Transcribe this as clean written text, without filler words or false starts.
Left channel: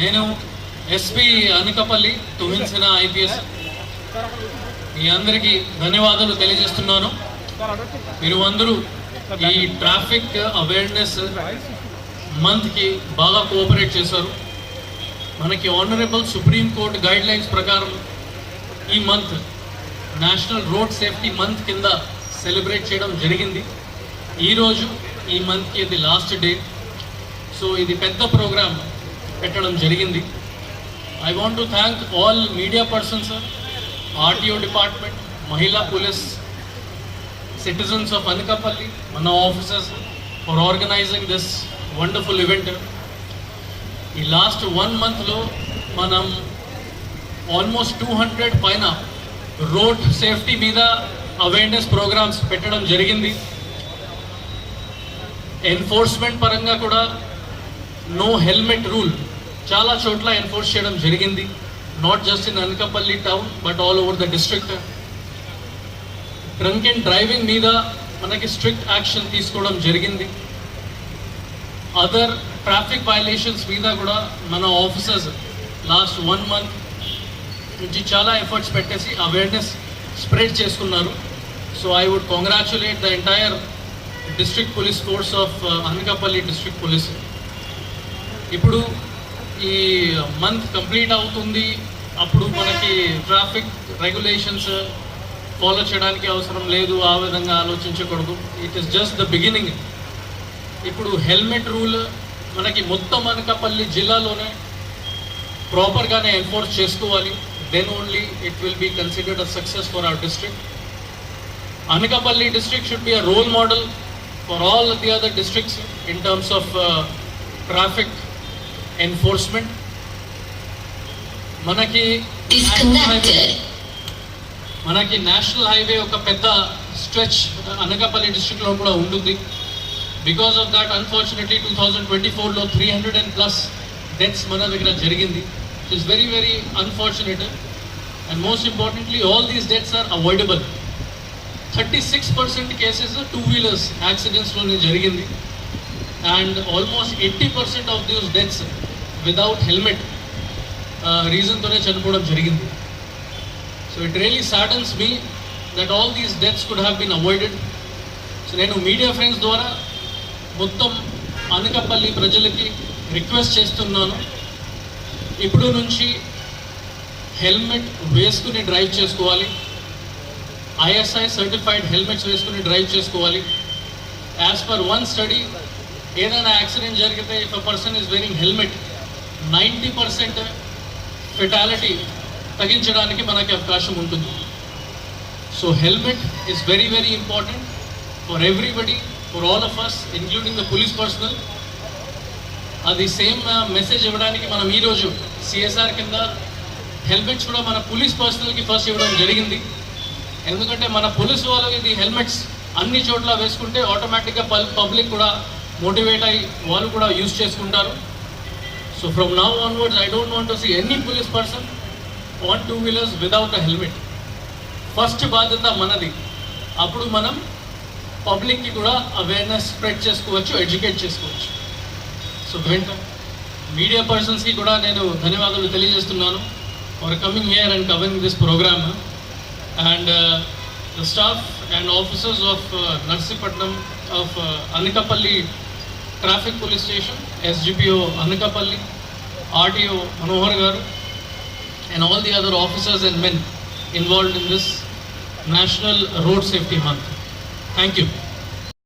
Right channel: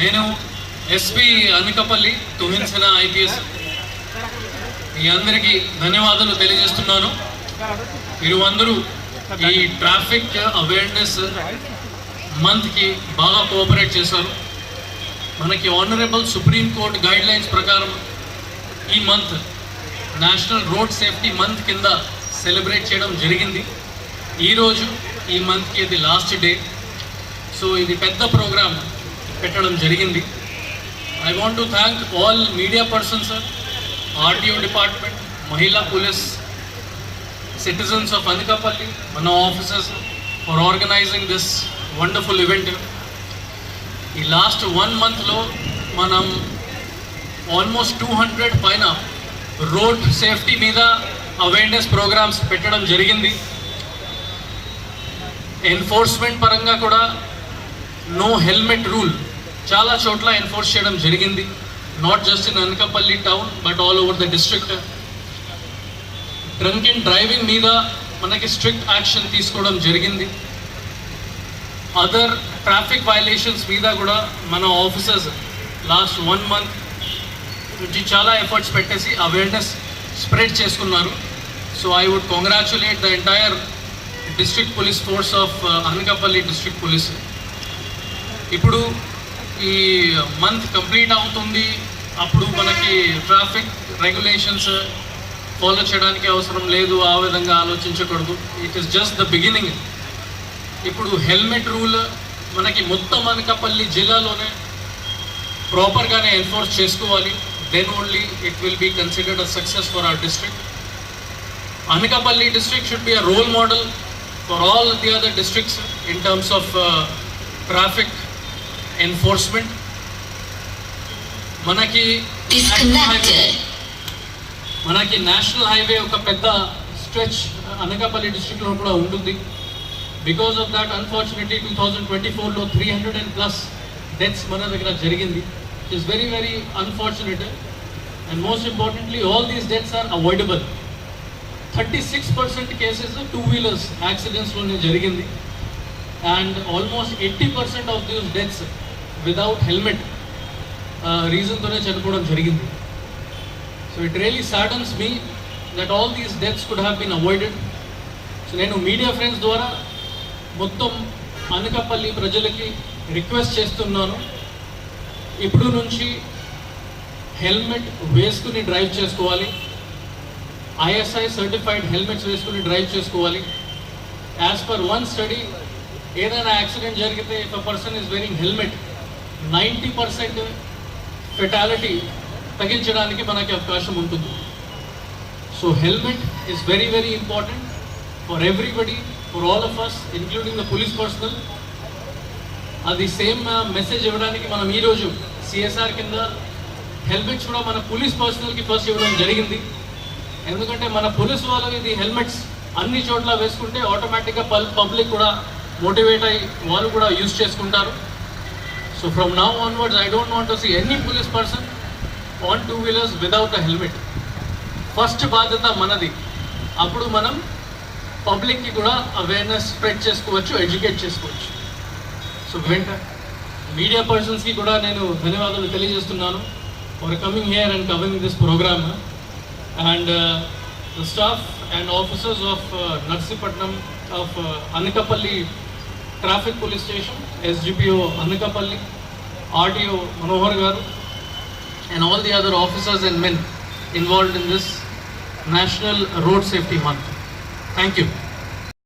నేను SP Anakapalli తుమిన్సన IPS మీ అందరికీ ధన్యవాదాలు తెలియజేస్తున్నాను. మీరు అందరూ ఈ ట్రాఫిక్ అవేర్నెస్ మంత్కి బాగా కోఆపరేట్ చేశారు. మనకి honourable supreme court guide lines ప్రకారం ఈ month national road safety month కింద సెలబ్రేట్ చేయడం జరిగింది. ఈరోజు ఈ మంత్కి ఇది లాస్ట్ డే. సో ఇది పెద్ద ప్రోగ్రామ్ పెట్టడం జరిగింది. I want to thank all media persons, RTO department, Mahila police, citizens of Anakapalli, mana officers for organizing this wonderful event. In last 1 month lo manam almost 200 paina road safety meeda awareness programs pettadam jarigindi. Enforcement paranga kuda no helmet rule చాలా చోట్ల enforce చేయడం జరిగింది. Not just in Anakapalli town but all over the district. Drunk and driving మీద మనకి strict action తీసుకోవడం జరిగింది. Other traffic violations మీద కూడా మన ఆఫీసర్స్ లాస్ట్ 1 month నుంచి చాలా ఎఫర్ట్స్ పెట్టేసి అవేర్నెస్ స్ప్రెడ్ చేసుకున్నారు. So I would congratulate the entire district police force of Anakapalli district police. ఇప్పుడు ఈ మంత్ కంప్లీట్ అవుతుంది, అప్పుడు మనకి ట్రాఫిక్ రెగ్యులేషన్స్ ఫాలో చేయడానికి అవసరం లేదు, ఆ విధంగా ఆలోచించకూడదు. It is just the beginning. ఇప్పుడు హెల్మెట్ రూల్ మనకి మొత్తం అనకాపల్లి జిల్లాలోనే ప్రాపర్గానే ఎన్ఫోర్స్ చేసుకోవాలి. Then only it will be considered a success for our district. Anakapalli district should be a role model for all the other districts in terms of traffic enforcement. మనకి national highway ఒక పెద్ద stretch Anakapalli డిస్ట్రిక్ట్లో కూడా ఉంటుంది. Because of that unfortunately 2024లో 300+ deaths మన దగ్గర జరిగింది. It is very very unfortunate. And most importantly all these deaths are avoidable. 36% cases 2-wheelers యాక్సిడెంట్స్లోనే జరిగింది. And almost 80% of those deaths without helmet reason tone chanipovam jarigindi. So it really saddens me that all these deaths could have been avoided. So nenu media friends dwara mottam Anakapalli prajalaki request chestunnanu, ippudu nunchi helmet veskuni drive chesukovali, ISI certified helmets veskuni drive chesukovali. As per one study, ఏదైనా accident జరిగితే if a person is wearing helmet 90% fatality తగ్గించడానికి మనకి అవకాశం ఉంటుంది. So helmet is very very important for everybody, for all of us including the police personnel. అది same message ఇవ్వడానికి మనం ఈరోజు సిఎస్ఆర్ కింద హెల్మెట్స్ కూడా మన పోలీస్ పర్సనల్కి ఫస్ట్ ఇవ్వడం జరిగింది. ఎందుకంటే మన పోలీస్ వాళ్ళు ఇది హెల్మెట్స్ అన్ని చోట్ల వేసుకుంటే ఆటోమేటిక్గా పబ్లిక్ కూడా మోటివేట్ అయ్యి వాళ్ళు కూడా యూజ్ చేసుకుంటారు. So from now onwards I don't want to see any police person on 2-wheelers without a helmet. First బాధ్యత మనది. అప్పుడు మనం పబ్లిక్కి కూడా అవేర్నెస్ స్ప్రెడ్ చేసుకోవచ్చు, ఎడ్యుకేట్ చేసుకోవచ్చు. సో మీడియా పర్సన్స్కి కూడా నేను ధన్యవాదాలు తెలియజేస్తున్నాను for coming here and covering this programme. And the staff and officers of Narsipatnam of Anakapalli Traffic Police Station, SGPO Anakapalli, RTO Manohar Garu, and all the other officers and men involved in this National Road Safety Month. Thank you.